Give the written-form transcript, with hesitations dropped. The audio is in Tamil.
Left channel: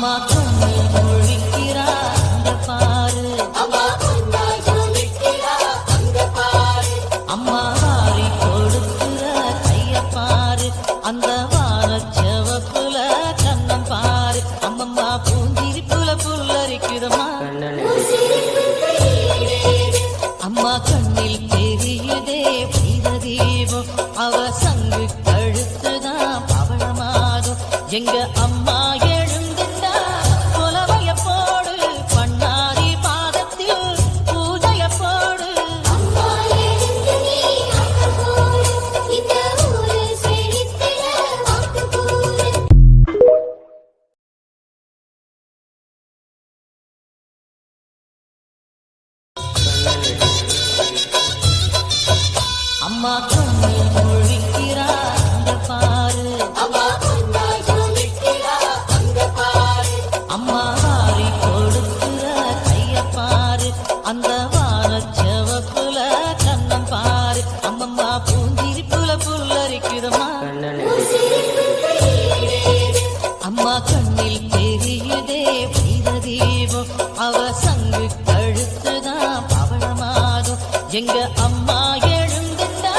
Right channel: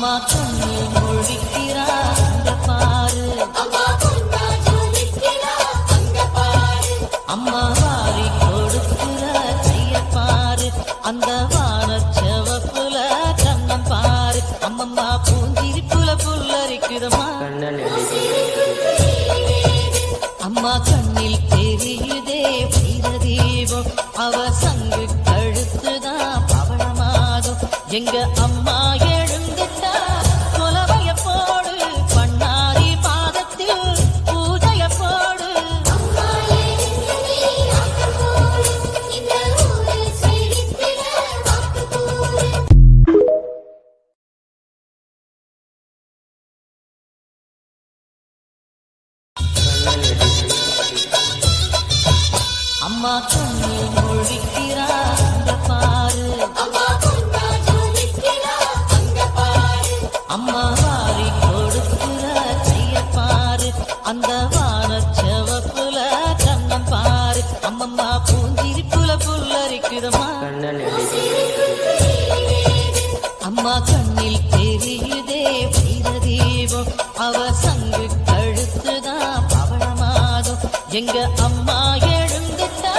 அம்மா கண்ணு முழிக்கிறா அங்க பாரு, அம்மா வாரி கொடுக்கிற கைய பாரு, அந்த வானச்சவப்புல கண்ணம் பாரு, அம்மம்மா பூஞ்சிரிப்புல புல்லரிக்குதம்மா. அம்மா கண்ணில் தெரியுதே வைரதீபம், அவ சங்கு கழுத்துதான் பவளமாகும். எங்க அம்மா எழுந்துட்டா கொலவைய போடு, பண்ணாரி பாதத்தில் பூஜைய போடு. அம்மா கண்ணு முழிக்கிறா அங்க பாரு, அம்மா வாரி கொடுக்கிற கைய பாரு, அந்த வானச்சவப்புல கண்ணம் பாரு, அம்மம்மா பூஞ்சிரிப்புல புல்லரிக்குதம்மா. அம்மா கண்ணில் தெரியுதே வைரதீபம், அவ சங்கு கழுத்துதான் பவளமாகும். எங்க அம்மா எழுந்துட்டா